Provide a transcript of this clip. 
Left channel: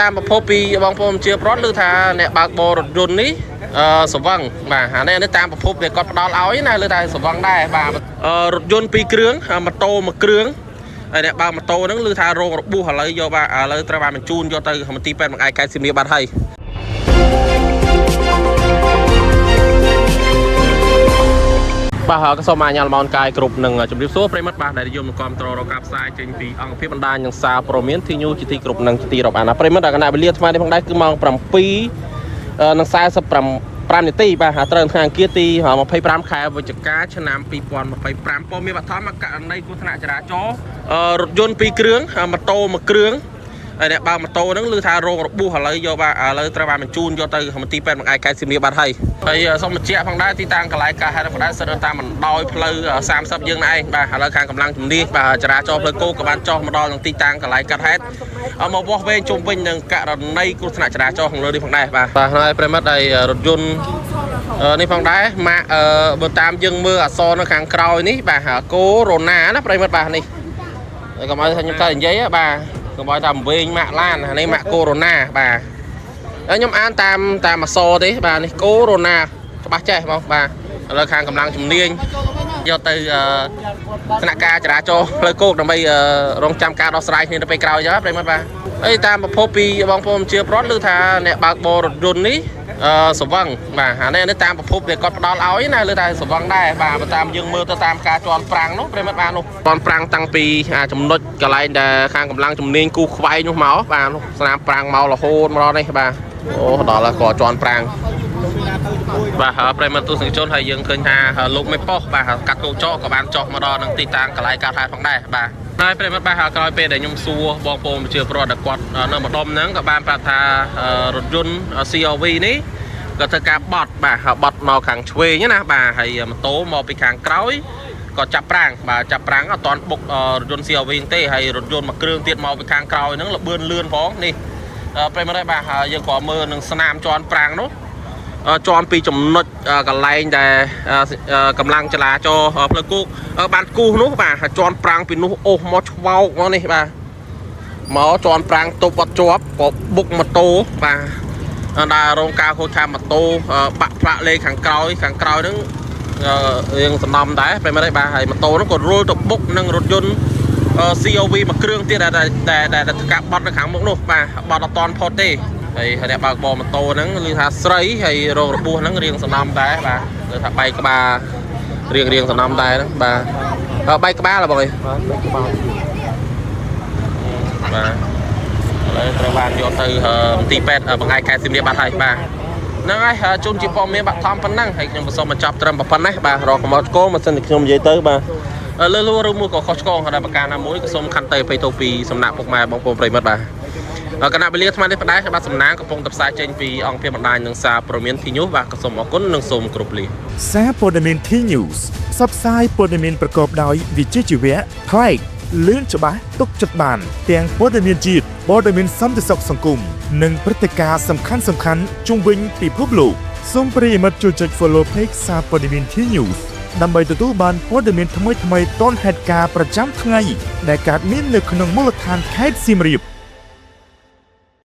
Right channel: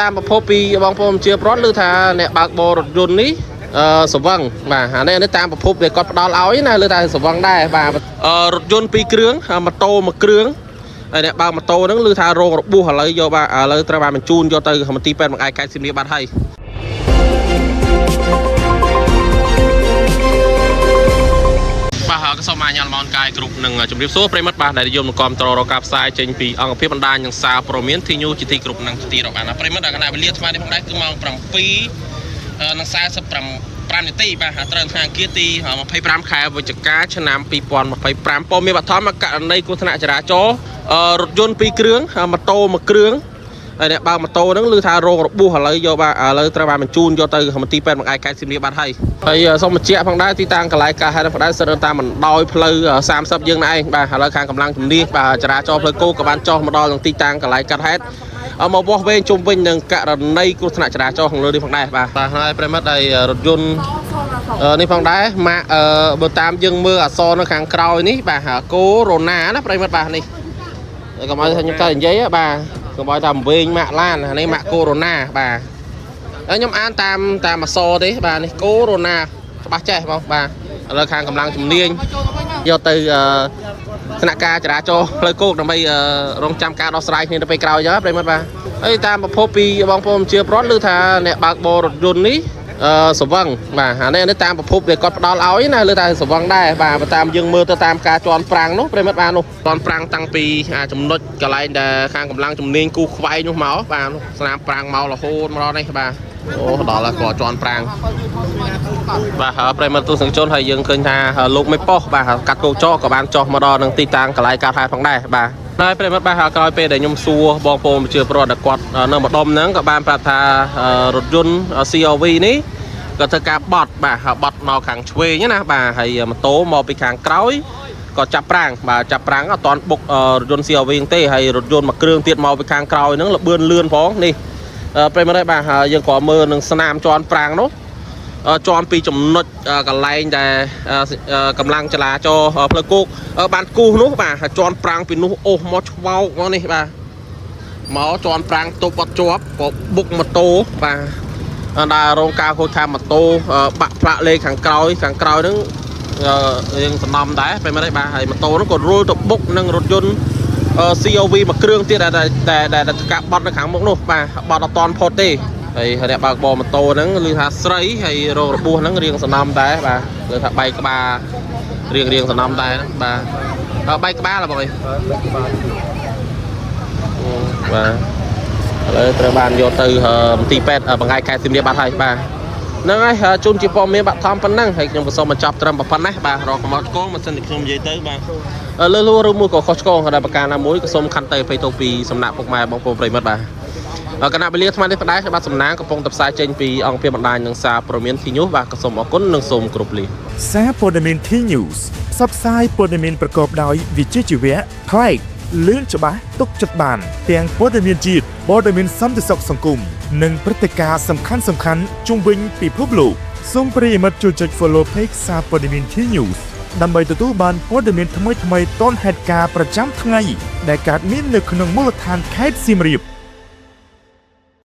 តាមប្រភពពីបងប្អូនជាប្រវត្តិឬថាអ្នកបើកបររថយន្តនេះសវឹងបាទអានេះតាមប្រភពវាគាត់ផ្ដល់ឲ្យណាលើតែសវឹងដែរបាទរថយន្ត2គ្រឿងម៉ូតូ1គ្រឿងហើយអ្នកបើកម៉ូតូហ្នឹងឮថារងរបួសឥឡូវយកបាទឥឡូវត្រូវបានបញ្ជូនយកទៅមន្ទីរពេទ្យបង្អែកខេត្តសៀមរាបបាត់ហើយបាទក៏សូមអញ្ញាតលំអរកាយគ្រប់នឹងជម្រាបសួរប្រិមិត្តបាទដែលនិយមគាំទ្ររកការផ្សាយចេញពីអង្គភាពបណ្ដាញនិងសារព័ត៌មានទីញូជាទីគ្រប់នឹងទីរាប់អានប្រិមិត្តដល់គណៈវេលាថ្មនេះផងដែរគឺម៉ោង7:45នាទីបាទត្រូវថ្ងៃអង្គារទី25ខែវិច្ឆិកាឆ្នាំ2025ព័ត៌មានបឋមករណីគ្រោះថ្នាក់ចរាចរណ៍រថយន្ត2គ្រឿងម៉ូតូ1គ្រឿងហើយអ្នកបើកម៉ូតូហ្នឹងឮថារងរបួសឥឡូវយកបាទឥឡូវត្រូវបានបញ្ជូនយកទៅមន្ទីរពេទ្យបង្អែកខេត្តសៀមរាបបាត់ហើយសូមបញ្ជាក់ផងដែរទីតាំងកន្លែងការហេតុផ្ដាច់ស្ទើរតាមបណ្ដោយផ្លូវ30យើងឯងបាទឥឡូវខាងកម្លាំងជំនាញបាទចរាចរណ៍ផ្លូវគោកក៏បានចុះមកដល់នឹងទីតាំងកន្លែងកាត់ហេតុមកវាស់វែងជុំវិញនឹងករណីគ្រោះថ្នាក់ចរាចរណ៍ខាងលើនេះផងដែរបាទហើយប្រិមិត្តហើយរថយន្តនេះផងដែរម៉ាកបើតាមយើងមើលអក្សរនៅខាងក្រោយនេះបាទកូរ៉ូណាណាប្រិមិត្តបាទនេះកុំឲ្យខ្ញុំទៅនិយាយបាទកុំឲ្យថាវែងម៉ាក់ឡាននេះម៉ាក់កូរ៉ូណាបាទខ្ញុំអានតាមអក្សរទេបាទនេះកូរ៉ូណាច្បាស់ចេះបងបាទឥឡូវខាងកម្លាំងជំនាញយកទៅស្នាក់ការចរាចរណ៍ផ្លូវគោកដើម្បីរងចាំការដោះស្រាយគ្នាទៅពេលក្រោយចឹងប្រិមិត្តបាទតាមប្រភពពីបងប្អូនជាប្រវត្តិឬថាអ្នកបើកបររថយន្តនេះសវឹងបាទអានេះតាមប្រភពវាគាត់ផ្ដល់ឲ្យណាលើតែសវឹងដែរបាទតាមយើងមើលទៅតាមការជន់ប្រាំងនោះប្រិមិត្តបាទនោះជន់ប្រាំងតាំងពីចំណុចកន្លែងដែលខាងកម្លាំងជំនាញគូខ្វែងនោះមកបាទនោះស្នាមប្រាំងមករហូតមកដល់នេះបាទអូដល់ហើយគាត់ជន់ប្រាំងបាទប្រិមិត្តទស្សនិកជនហើយយើងឃើញថាលោកមេប៉ុសបាទកាត់គោចោក៏បានចុះមកដល់នឹងទីតាំងកន្លែងកាត់ហេតុផងដែរបាទហើយប្រិមិត្តបាទក្រោយពេលដែលខ្ញុំសួរបងប្អូនជាប្រវត្តិគាត់នៅម្ដុំហ្នឹងក៏បានប្រាប់ថារថយន្ត CRV នេះក៏ធ្វើការបត់បាទបត់មកខាងឆ្វេងណាបាទហើយម៉ូតូមកពីខាងក្រោយក៏ចាប់ប្រាំងបាទចាប់ប្រាំងអត់តាន់បុករថយន្ត CRV ទេហើយរថយន្តមួយគ្រឿងទៀតមកពីខាងក្រោយហ្នឹងលបឿនលឿនផងនេះប្រិមិត្តបាទយើងក៏មើលនឹងស្នាមជន់ប្រាំងនោះជន់ពីចំណុចកន្លែងដែលកម្លាំងចរាចរណ៍ផ្លូវគោកបានគូសនោះបាទជន់ប្រាំងពីនោះអូសមកឆ្វោកមកនេះបាទមកជន់ប្រាំងទប់អត់ជាប់ក៏បុកម៉ូតូបាទដែលរោងការហូចថាម៉ូតូបាក់ផ្លាកលេខខាងក្រោយហ្នឹងយើងសំណំដែរពេលមកđâyបាទហើយម៉ូតូហ្នឹងក៏រុលទៅបុកនឹងរថយន្ត CRV មួយគ្រឿងទៀតដែលកាប់បត់នៅខាងមុខនោះបាទបត់អត់តន់ផុតទេហើយអ្នកបើកបរម៉ូតូហ្នឹងឮថាស្រីហើយរងរបួសហ្នឹងរៀងសំណំដែរបាទគឺថាបែកក្បាលរៀងសំណំដែរហ្នឹងបាទបែកក្បាលហ៎បងអើយបាទឥឡូវត្រូវបានយកទៅមន្ទីរពេទ្យបង្អែកខេត្តសៀមរាបបាត់ហើយបាទហ្នឹងហើយជូនជាព័ត៌មានបឋមប៉ុណ្ណឹងហើយខ្ញុំសូមបញ្ចប់ត្រឹមប៉ុណ្ណេះបាទរកកំណត់គោលមិនសិនតែខ្ញុំនិយាយទៅបាទលើលួឬមួយក៏ខុសឆ្គងហើយប្រការណាមួយក៏សូមខន្តីអភ័យទោសពីសំណាក់ពុកម៉ែបងប្អូនប្រិយមិត្តបាទគណៈវេលាថ្មនេះផ្ដាច់បាទសំណាងកំពុងតែផ្សាយចេញពីអង្គភាពបណ្ដាញនិងសារព័ត៌មាន T News បាទក៏សូមអរគុណនិងសូមគោរពលាសារព័ត៌មាន T News ផ្សព្វផ្សាយព័ត៌មានប្រកបដោយវិជ្ជាជីវៈប្លែកលឿនច្បាស់ទុកចិត្តបានទាំងព័ត៌មានជាតិព័ត៌មានសន្តិសុខសង្គមនិងព្រឹត្តិការណ៍សំខាន់ជុំវិញពិភពលោកសូមប្រិយមិត្តជួយចុច Follow Page សារព័ត៌មាន T News ដើម្បីទទួលបានព័ត៌មានថ្មីទាន់ហេតុការណ៍ប្រចាំថ្ងៃដែលកើតមាននៅក្នុងមូលដ្ឋានខេត្តសៀមរាប